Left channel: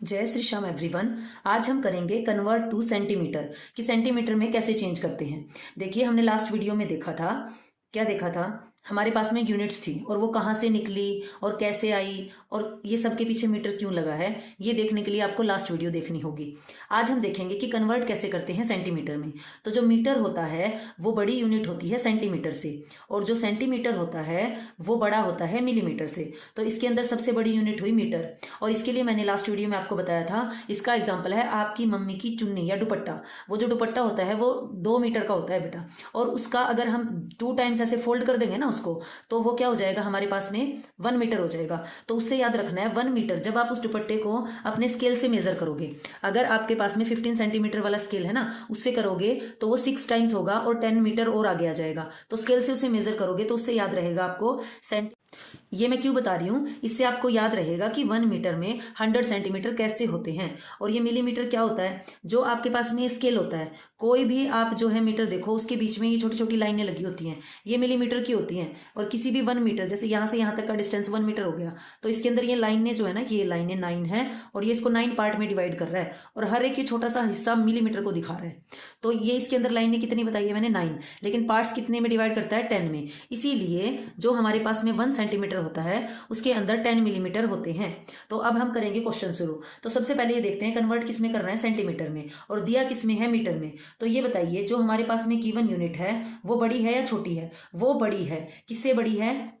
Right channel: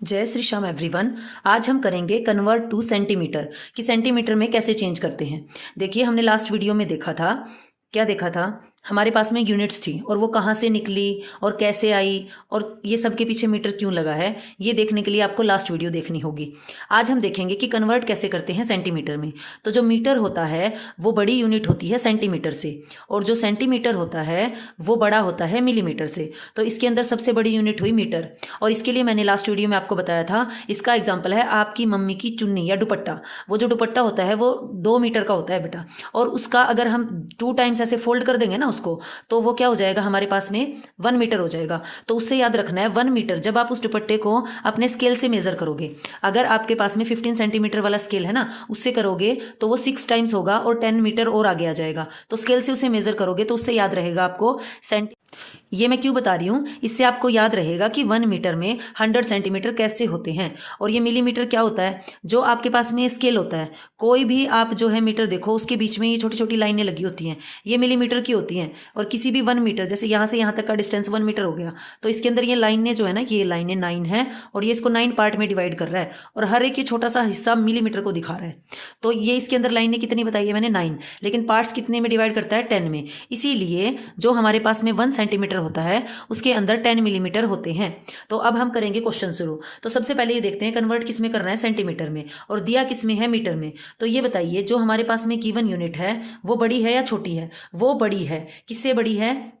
जय श्री श्याम एवरीवन। आज हम करेंगे कन्वर्ट टू सेंटीमीटर कि सेंटीमीटर में कैसे चेंज करते हैं। देखिए, हमने लास्ट वीडियो में देखा था, क्या देखा था, हमारे पास में यूनिट्स थी और वो कहाँ से निकली और कैसे आई और ये सब के पीछे मीटर क्यों लगा है, ये देखने के लिए आपको लास्ट वीडियो देखनी होगी। आज हम देखेंगे कि कन्वर्ट कैसे करते हैं सेंटीमीटर में। तो जो मीटर होता है वो बड़ी यूनिट होती है सेंटीमीटर से, और जो सेंटीमीटर होता है वो बड़ा होता है मिलीमीटर से। तो इसके अंदर सबसे बड़ी यूनिट हुई मीटर, और इसके लिए मैंने लास्ट वीडियो में आपको बताया था, इसका एग्जाम्पल है आपकी मम्मी की चुन्नी या दुपट्टा। वो जो दुपट्टा होता है वो 2 मीटर का होता है बेटा, और उसका अगर हम 2 टाइम्स ऐसे फोल्ड कर देंगे ना उसको, तो वो क्या हो जाएगा, हमारे पास में 1 मीटर हो जाएगा। तो उससे याद रखना है 1 मीटर जब आप उस दुपट्टे को अपने स्केल से मेजर करोगे, अगर आपके पास में 15 सेंटीमीटर वाला स्केल है ना, उससे करोगे तो वो 6 टाइम्स होगा और 10 मीटर और आगे आ जाएगा। तो स्केल से उसे मेजर करोगे तो उससे याद रहेगा आपको ये मैं क्यों बता रही हूँ, इससे आपको याद रहेगा कि 1 मीटर में 100 सेंटीमीटर कैसे होते हैं। और ये मिलीमीटर क्या होता है, जो आपके पास में स्केल होता है, कोई भी आप जो है मीटर देखो उसके बीच में ये छोटी छोटी लाइनें लगी होती हैं, ये मिलीमीटर की होती हैं। और किसी भी 1 मीटर, जैसे यहाँ से यहाँ तक का डिस्टेंस 1 मीटर हो गया, तो इसके अंदर ये लाइनें जो है ना, ये लाइनें 9 है, और ये इसको 9 पार्ट में डिवाइड कर रहा है, और हर एक ये छोटा सा हिस्सा मिलीमीटर को दिखा रहा है। तो ये इसके अंदर लाइनें कितनी बताई है मैंने, 9, लेकिन पार्ट्स कितने में डिवाइड करता है, 10 में। इसीलिए जो हमारे पास में 1 सेंटीमीटर होता है उसके अंदर 10 मिलीमीटर होते हैं। तो अब हम करेंगे क्वेश्चन शुरू। तो सबसे पहले ये देखते हैं कन्वर्ट किस में करना है, सेंटीमीटर में, और दिया किस में है, मीटर में। तो ये बताइए, जो हमारे पास में गिवन यूनिट है वो बड़ी है या छोटी है, वो बड़ी है। किससे बड़ी है,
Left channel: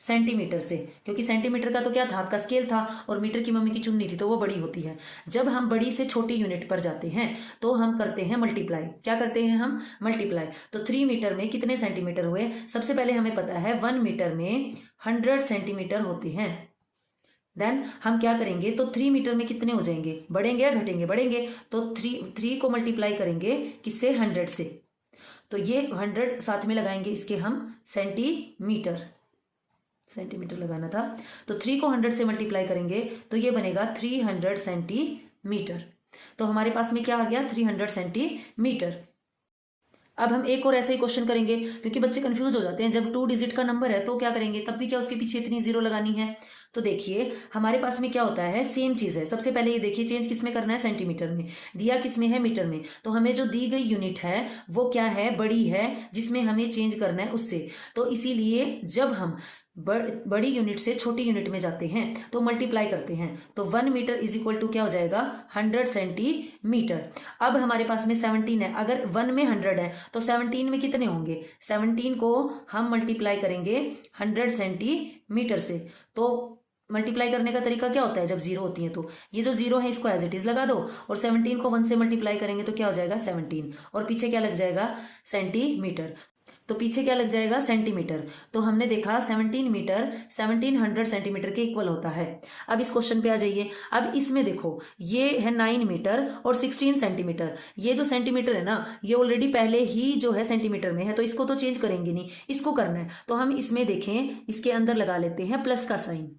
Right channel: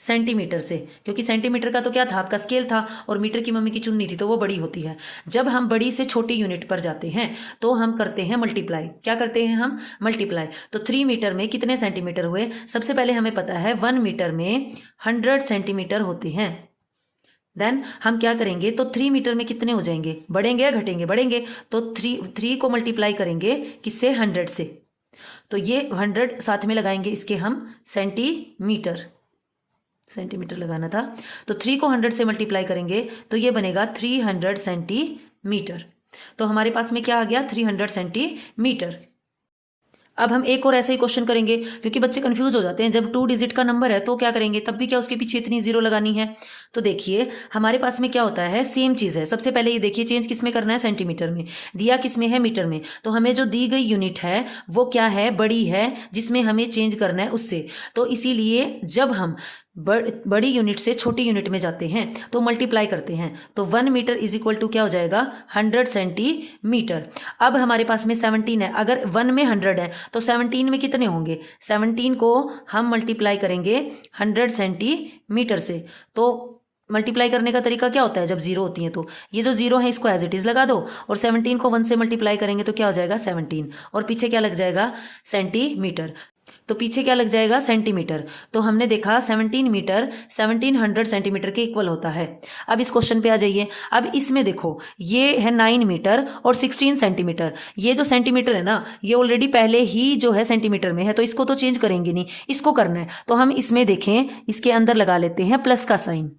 सेंटीमीटर से, क्योंकि सेंटीमीटर का तो क्या था, आपका स्केल था, और मीटर की मम्मी की चुन्नी थी, तो वो बड़ी होती है। जब हम बड़ी से छोटी यूनिट पर जाते हैं तो हम करते हैं मल्टीप्लाई। क्या करते हैं हम, मल्टीप्लाई। तो 3 मीटर में कितने सेंटीमीटर हुए, सबसे पहले हमें पता है 1 मीटर में 100 सेंटीमीटर होते हैं। देन हम क्या करेंगे, तो 3 मीटर में कितने हो जाएंगे, बढ़ेंगे या घटेंगे, बढ़ेंगे। तो 3 को मल्टीप्लाई करेंगे किससे, 100 से। तो ये 100 साथ में लगाएंगे इसके हम, सेंटीमीटर लगाना था। तो 3 को 100 से मल्टीप्लाई करेंगे तो ये बनेगा 300 सेंटीमीटर। तो हमारे पास में क्या आ गया, 300 सेंटीमीटर। अब हम एक और ऐसे ही क्वेश्चन करेंगे, क्योंकि बच्चे कंफ्यूज हो जाते हैं, जब 2 डिजिट का नंबर है तो क्या करेंगे, तब भी क्या उसके पीछे इतनी जीरो लगानी है। तो देखिए, हमारे पास में क्या होता है, सेम चीज़ है। सबसे पहले ये देखिए, चेंज किस में करना है, सेंटीमीटर में। दिया किस में है, मीटर में। तो हमें जो दी गई यूनिट है वो क्या है, बड़ी है, जिसमें हमें चेंज करना है उससे। तो इसीलिए जब हम बड़ी यूनिट से छोटी यूनिट में जाते हैं तो मल्टीप्लाई करते हैं। तो 1 मीटर इज इक्वल टू क्या हो जाएगा, 100 सेंटीमीटर। अब हमारे पास में 17 है, अगर 1 में 100 है तो 17 में कितने होंगे, 17 को हम मल्टीप्लाई करेंगे 100 सेंटीमीटर से। तो मल्टीप्लाई करने का तरीका क्या होता है, जब जीरो होती है तो ये जो जीरो है इसको एज इट इज लगा दो, और 17 को 1 से मल्टीप्लाई करेंगे तो क्या हो जाएगा, 17, और पीछे क्या लग जाएगा, सेंटीमीटर। तो पीछे क्या लग जाएगा, सेंटीमीटर। तो हमने देखा 17 मीटर 1700 सेंटीमीटर के इक्वल होता है। अब इस क्वेश्चन पे आ जाइए। अब इसमें देखो, ये है 9 मीटर और 16 सेंटीमीटर। ये जो सेंटीमीटर है ना, ये ऑलरेडी पहले ही जो है सेंटीमीटर में है, तो इसको तो चेंज करेंगे नहीं, इसको करना है। तो हम इसमें देखें, इसके अंदर लगा लेते हैं प्लस का साइन,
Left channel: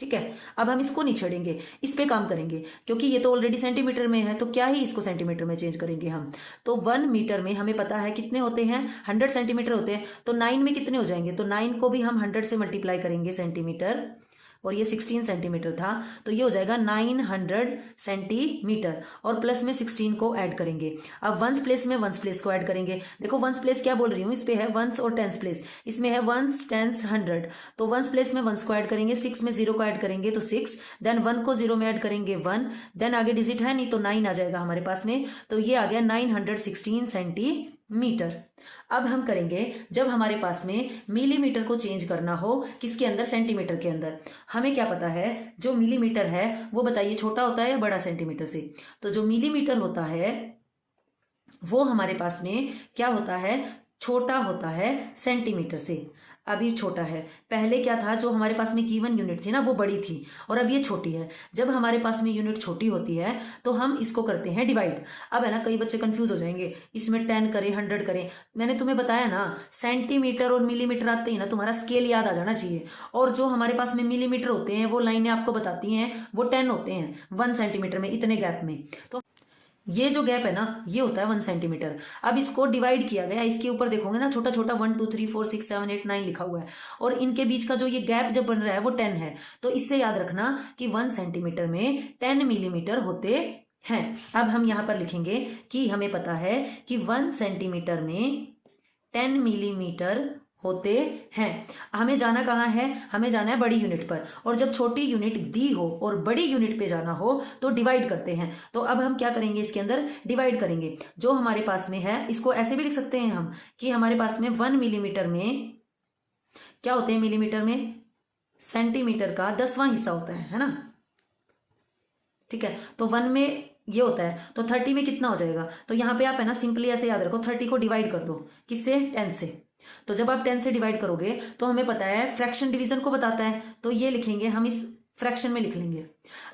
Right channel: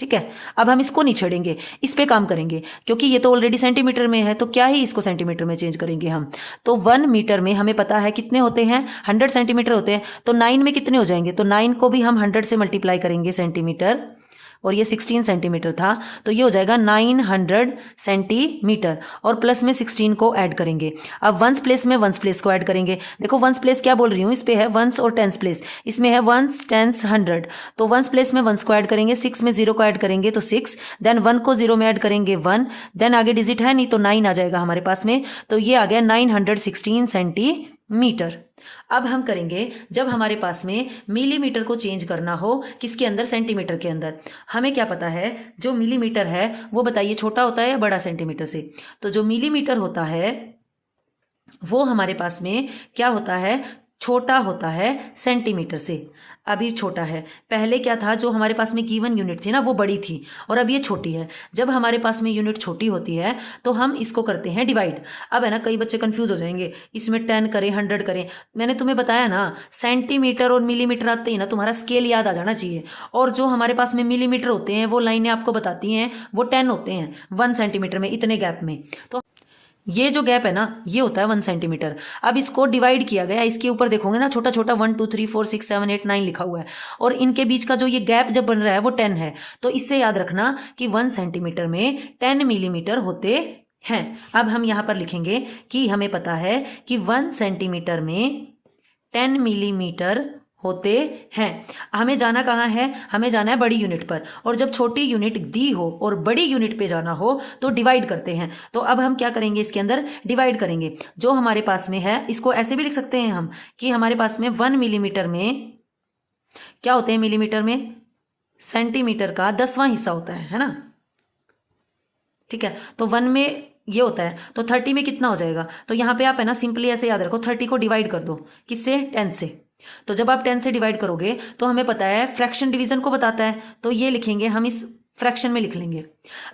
ठीक है। अब हम इसको नहीं छेड़ेंगे, इस पे काम करेंगे, क्योंकि ये तो ऑलरेडी सेंटीमीटर में है, तो क्या ही इसको सेंटीमीटर में चेंज करेंगे हम। तो 1 मीटर में हमें पता है कितने होते हैं, 100 सेंटीमीटर होते हैं। तो 9 में कितने हो जाएंगे, तो 9 को भी हम 100 से मल्टीप्लाई करेंगे सेंटीमीटर, और ये 16 सेंटीमीटर था, तो ये हो जाएगा 900 सेंटीमीटर, और प्लस में 16 को ऐड करेंगे। अब वंस प्लेस में वंस प्लेस को ऐड करेंगे। देखो वंस प्लेस क्या बोल रही हूँ, इस पे है वंस और टेंस प्लेस, इसमें है वंस, टेंस, 100। तो वंस प्लेस में वंस को ऐड करेंगे, 6 में 0 को ऐड करेंगे तो 6, देन 1 को 0 में ऐड करेंगे 1, देन आगे डिजिट है नहीं तो 9 आ जाएगा हमारे पास में। तो ये आ गया 916 सेंटीमीटर। अब हम करेंगे, जब हमारे पास में मिलीमीटर को चेंज करना हो, किसके अंदर, सेंटीमीटर के अंदर। हमें क्या पता है, जो मिलीमीटर है वो बताइए छोटा होता है या बड़ा सेंटीमीटर से। तो जो मिलीमीटर होता है वो हमारे पास में क्या होता है, छोटा होता है सेंटीमीटर से। अभी छोटा है, पहले क्या था, जो हमारे पास में गिवन यूनिट थी ना वो बड़ी थी, और अब ये छोटी है। जब हमारे पास में यूनिट छोटी होती है तो हम इसको करते हैं डिवाइड। अब है ना, कई बच्चे कंफ्यूज हो जाएंगे, इसमें 10 करें 100 करें। मैंने तुम्हें बताया ना, सेंटीमीटर और मिलीमीटर आते ही ना तुम्हारा स्केल याद आ जाना चाहिए। और जो हमारे पास में मिलीमीटर होते हैं वो लाइनें आपको बताती हैं वो 10 होते हैं 1 सेंटीमीटर में, इतने गैप में। तो ये जो गैप है ना ये होता है 1 सेंटीमीटर। अब इसको डिवाइड किया गया, इसके ऊपर देखोगे ना छोटा छोटा 1 2 3 4 6 7 8 9 लिखा हुआ है, और इनके बीच का जो ये गैप जब बन रहा है वो 10 है। तो इससे याद रखना कि 1 सेंटीमीटर में 10 मिलीमीटर होते हैं। अब हम यहाँ पर लिखेंगे कि हमें पता है कि 1 सेंटीमीटर में 10 मिलीमीटर होते हैं। हमें जाना कहाँ है, हमें जाना है बड़ी यूनिट पर, और जब छोटी यूनिट दी हो और बड़ी यूनिट पे जाना हो तो डिवाइड करते हैं। तो अब हम क्या करेंगे, इसके अंदर डिवाइड करेंगे। जो हमारे पास में है इसको ऐसे भी लिख सकते हैं हम कि हमारे पास में 1 मिलीमीटर में क्या होते हैं, मिलीमीटर में सेंटीमीटर का 10वां हिस्सा होता है ना। ठीक है, तो 1 में ये होता है तो 30 में कितना हो जाएगा, तो यहाँ पे आप है ना सिंपली ऐसे याद रखो 30 को डिवाइड कर दो किससे, 10 से। तो जब आप 10 से डिवाइड करोगे तो हमें पता है फ्रैक्शन डिवीजन को बताता है, तो ये लिखेंगे हम इस फ्रैक्शन में लिख लेंगे।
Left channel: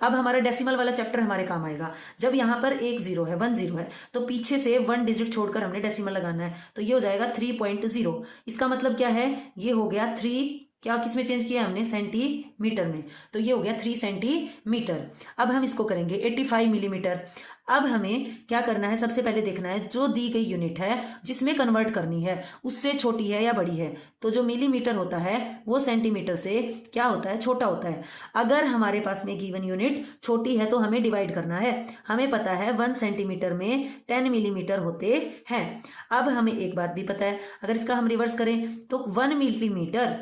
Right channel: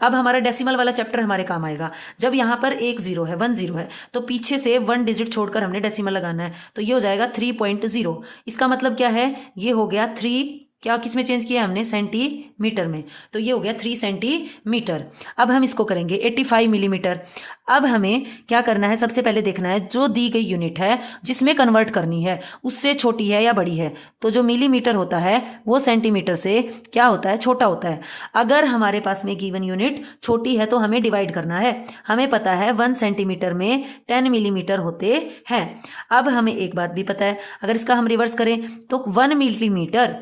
अब हमारा डेसिमल वाला चैप्टर हमारे काम आएगा। जब यहाँ पर एक जीरो है 1 0 है तो पीछे से 1 डिजिट छोड़कर हमने डेसिमल लगाना है, तो ये हो जाएगा 3.0। इसका मतलब क्या है, ये हो गया 3, क्या किस में चेंज किया हमने, सेंटीमीटर में, तो ये हो गया 3 सेंटीमीटर। अब हम इसको करेंगे 85 मिलीमीटर। अब हमें क्या करना है, सबसे पहले देखना है जो दी गई यूनिट है जिसमें कन्वर्ट करनी है उससे छोटी है या बड़ी है। तो जो मिलीमीटर होता है वो सेंटीमीटर से क्या होता है, छोटा होता है। अगर हमारे पास में गिवन यूनिट छोटी है तो हमें डिवाइड करना है। हमें पता है 1 सेंटीमीटर में 10 मिलीमीटर होते हैं। अब हमें एक बात भी पता है, अगर इसका हम रिवर्स करें तो 1 मिलीमीटर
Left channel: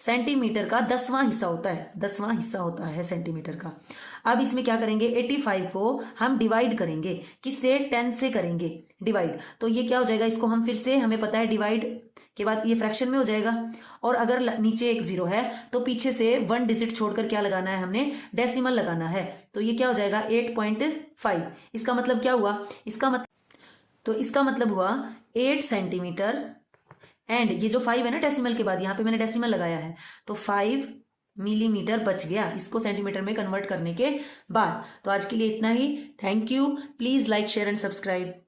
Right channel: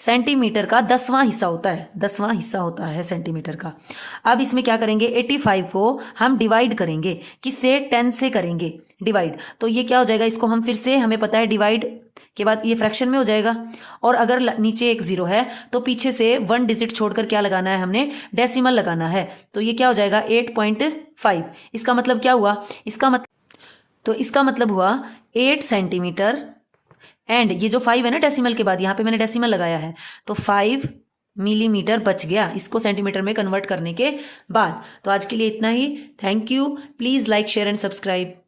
सेंटीमीटर का 10वां हिस्सा होता है, 10वां हिस्सा होता है सेंटीमीटर का। अब इसमें क्या करेंगे, 85 को हम डिवाइड करेंगे, किससे, 10 से करेंगे डिवाइड। तो ये क्या हो जाएगा, इसको हम फिर से, हमें पता है डिवाइड के बाद ये फ्रैक्शन में हो जाएगा, और अगर नीचे एक जीरो है तो पीछे से 1 डिजिट छोड़कर क्या लगाना है, हमने डेसिमल लगाना है। तो ये क्या हो जाएगा 8.5। इसका मतलब क्या हुआ, इसका मतलब हुआ 8 सेंटीमीटर, एंड ये जो 5 है ना डेसिमल के बाद, यहाँ पे मैंने डेसिमल लगाया है, तो 5 मिलीमीटर बच गया इसको सेंटीमीटर में कन्वर्ट करने के बाद। तो आज के लिए इतना ही। Thank you. Please like share and subscribe.